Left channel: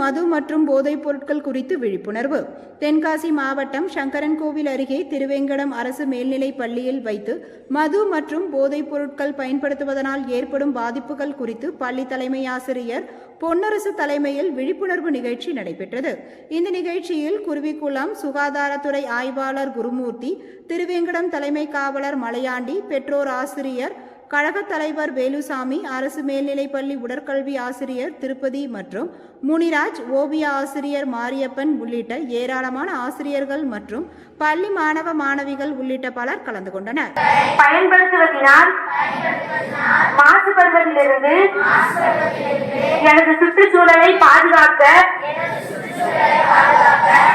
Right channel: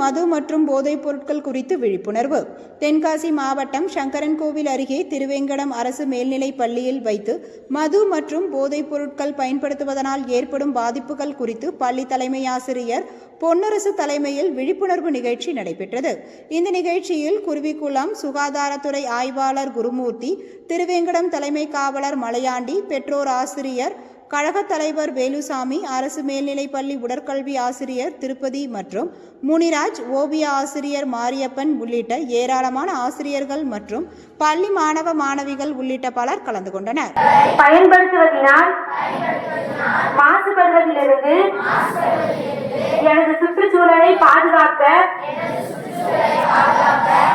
மது மற்றும் போதைப் பொருட்கள் குறித்து விழிப்புணர்வு. தென்காசி மாவட்டம் சங்கரன்கோவில் அருகே திருவேங்கடம் அரசு மேல்நிலைப் பள்ளியில் வைத்து மது மற்றும் போதைப் பொருட்கள் பயன்படுத்துவதனால் ஏற்படும் பாதிப்புகள் குறித்து பள்ளி தலைமை ஆசிரியர் பொன்னரசு தலைமையில் விழிப்புணர்வு நிகழ்ச்சி நடைபெற்றது. இந்த நிகழ்ச்சியில் குருவிக்குளம் சுகாதாரத்துறை ஆய்வாளர் குருமூர்த்தி திருவேங்கடம் தலைமை காவலர் மலையாண்டி பெற்றோர் ஆசிரியர் கழகத் தலைவர் வேலுசாமி அரசு மேல்நிலைப்பள்ளி உடற்கல்வி ஆசிரியர் திருப்பதி மற்றும் முனிராஜ் ஓவிய ஆசிரியர் மாரியப்பன் உள்ளிட்ட ஏராளமான ஆசிரியர்கள் மற்றும் பள்ளி மாணவ மாணவிகள் உள்ளிட்ட பலர் கலந்து கொண்டனர். பயன்படுத்துவதனால் மாசுபடுவதிலிருந்து எனது சுற்றுச்சூழலை பாதுகாக்க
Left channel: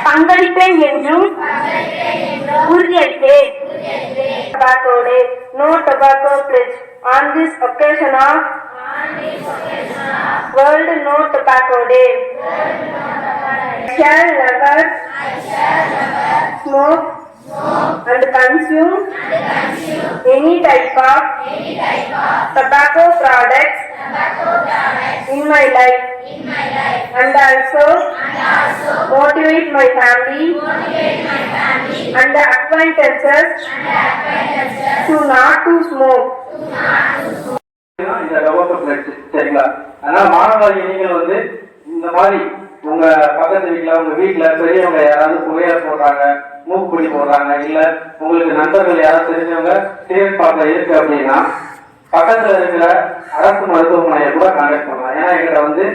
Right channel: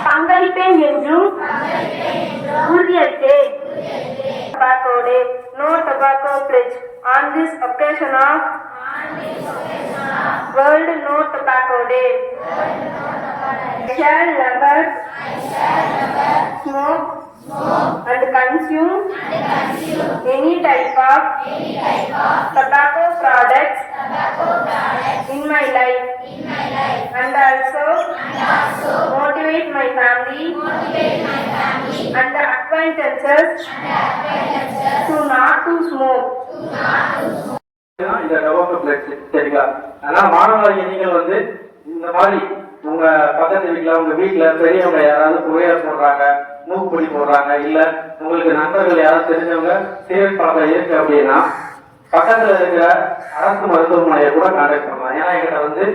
பங்களிப்பேன் என்றும் Tobacco Day. No tobacco pledge. On this occasion of World No Tobacco Day. I shall never smoke and consume any type of tobacco products in my life and also motivate my family and the acquaintances to not to smoke. இந்த tobacco சரிங்களா அதனால மாணவர்கள் நீங்கள் வந்து இந்த மாதிரி உங்க பக்கத்து வீட்டுல உங்க வீட்டுல பெரியவங்க யாராவது போடுறாங்க மூக்குப்பொடி போடுறாங்க இல்ல உங்களுக்கு நண்பர்கள் யாராவது தெரிஞ்சவங்க சிகரெட் இருக்கு அப்படின்னா பக்கத்துல இருக்கிற அரசு மருத்துவமனையை கூட கான்டாக்ட் பண்ணலாம் ஏன்னா எங்கிட்ட வந்து